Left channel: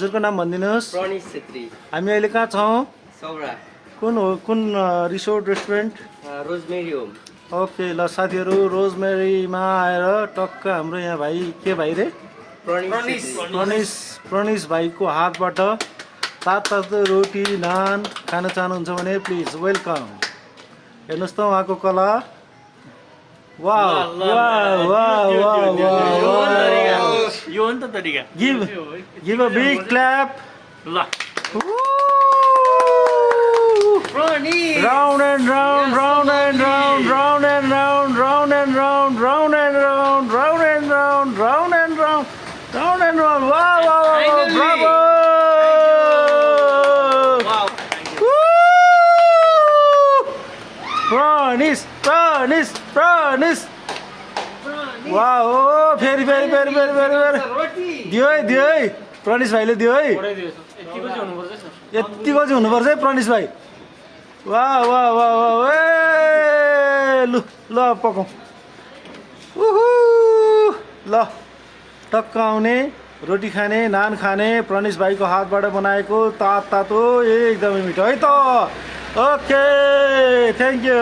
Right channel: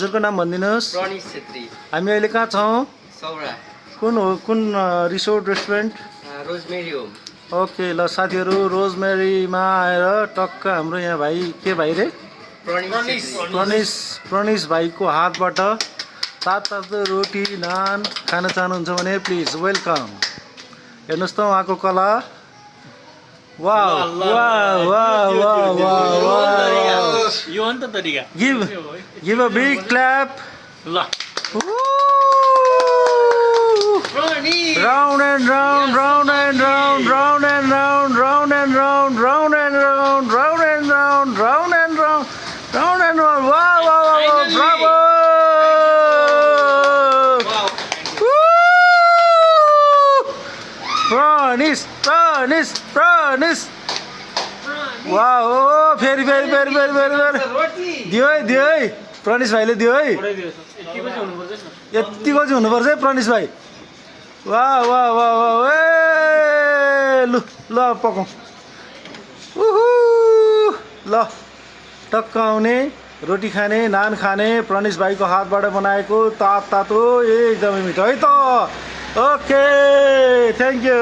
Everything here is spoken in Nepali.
हजुरको नाम भनिदिनुहोस्। प्रनिस छेत्री। हामी अहिले कहाँ छौँ? सौरा। कुन resort restaurant? Rosemary home. Okay ल साथीहरू, रोजमेरीमा आएर टक्क हाम्रो यहाँ भाइ के भाइ रे? प्रनिस भाइको हातबाट तातो रोटी नान खान चाहनुहुन्छ भने प्लिज वेलकम। हेर्नुहोस् त उहाँको कला। वाह वाह वाह वाह वाह। यो हो नि त तरिका। Give a big clap. ल Round and round, round and round, round and round, round and round, round and round, round and round, round and round, round and round. Wow, wow, wow, bravo! Wow. Pranis. Wow, very. दियो है प्रनिस भाइले दियो है। यतिको चाहिँ हुनुपर्छ है प्रनिस भाइ। वाह वाह वाह वाह ए लु ल पकाउँ। ल टक्क आउने रोटी खाने नान खाने प्रनिस भाइको हातबाट बनाएको तातो एकदमै मिठो है त। Okay thank you.